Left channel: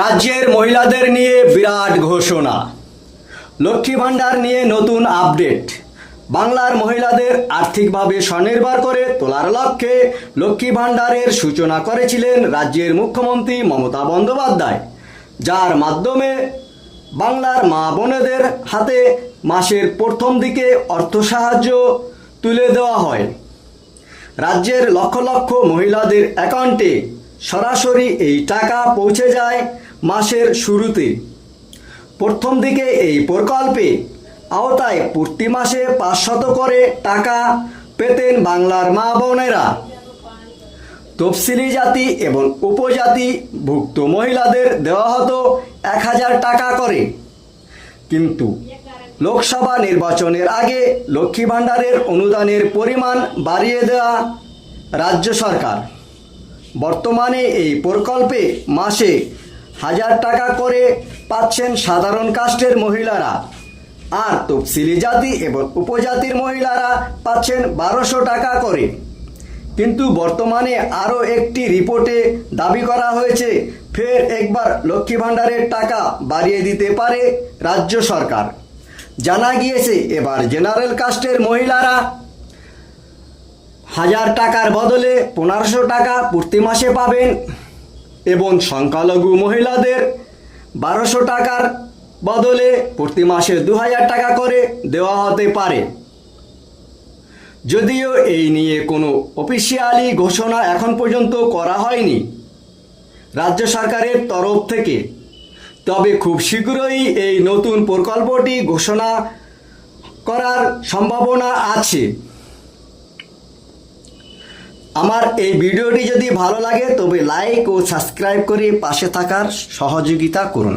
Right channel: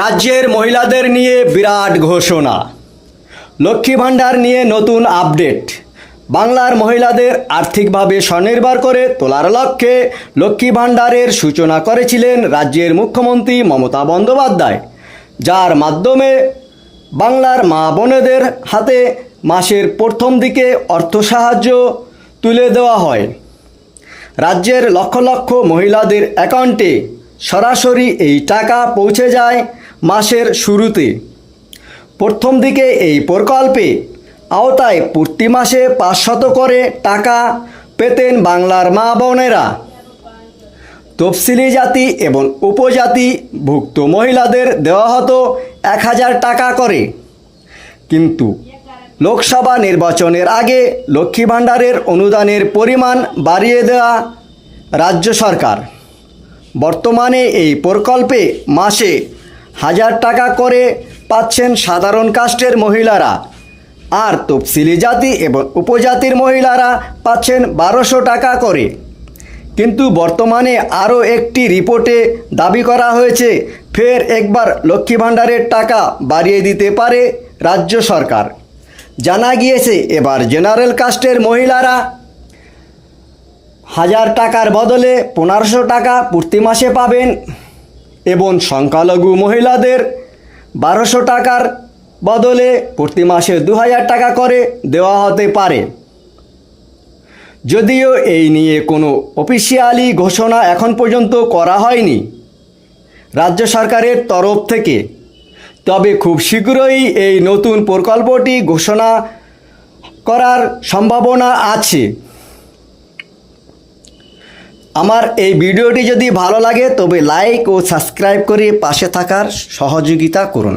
রাজ্যের মহিলাদের নিয়ে বিরাট ঘোষণা। লক্ষ্মী ভাণ্ডার নিয়ে নতুন আপডেট। বাংলার মহিলাদের আর্থিকভাবে স্বনির্ভর করে তোলার লক্ষ্যে লক্ষ্মী ভাণ্ডারের সূচনা করেছিলেন রাজ্যের মুখ্যমন্ত্রী মমতা বন্দ্যোপাধ্যায়, যার মাধ্যমে বাংলার মা বোনেদের হাতে মাসের প্রথম দিকে অর্থ সাহায্য তুলে দেওয়া হয়। রাজ্যের লক্ষ লক্ষ মহিলাদের অ্যাকাউন্টে সরাসরি এই টাকা পৌঁছে যায় মাসের শুরুতে। প্রথম দিকে এই প্রকল্পে আওতায় প্রতি মাসে পাঁচশত করে টাকা পেতেন বাংলার মা বোনেরা। তফসিলি জাতি এবং উপজাতি ভুক্ত মহিলাদের দেওয়া হতো এক হাজার টাকা করে। কিন্তু লোকসভা নির্বাচনের আগে লক্ষ্মী ভাণ্ডারের অনুদানের পরিমাণ বাড়িয়ে দেওয়া রাজ্য সরকার। বর্তমানে এই প্রকল্পে মাসে হাজার টাকা করে পাচ্ছেন সাধারণ কাস্টের মহিলারা। আর তফসিলি জাতি এবং উপজাতির মহিলারা পাচ্ছেন বারোশো টাকা করে। কিন্তু বর্তমানে আরও একটি রিপোর্টে দাবি করা হয়েছে, ফের একবার লক্ষ্মী ভাণ্ডারের টাকা বাড়িয়ে দিতে পারে রাজ্য সরকার। জানা গিয়েছে, এবার জেনারেল কাস্টের মহিলারা হাজার টাকার বদলে পনেরোশো টাকা প্রতি মাসে পাবেন। এবং সংখ্যালঘু মহিলাদের বারোশো টাকার বদলে প্রতি মাসে দু হাজার টাকা করে দেওয়া হতে পারে। যদিও এই নিয়ে কোনো অফিসিয়ালি ঘোষণা এখন পর্যন্ত করা হয়নি রাজ্য সরকারের তরফ থেকে। তবে খুব শীঘ্রই এই নতুন প্রকল্পটি ঘোষণা করার সম্ভাবনা আছে। আমার এই ভিডিওটি যদি ভালো লাগে তবে লাইক ও সাবস্ক্রাইব করে পাশে থাকার সহযোগিতা করুন।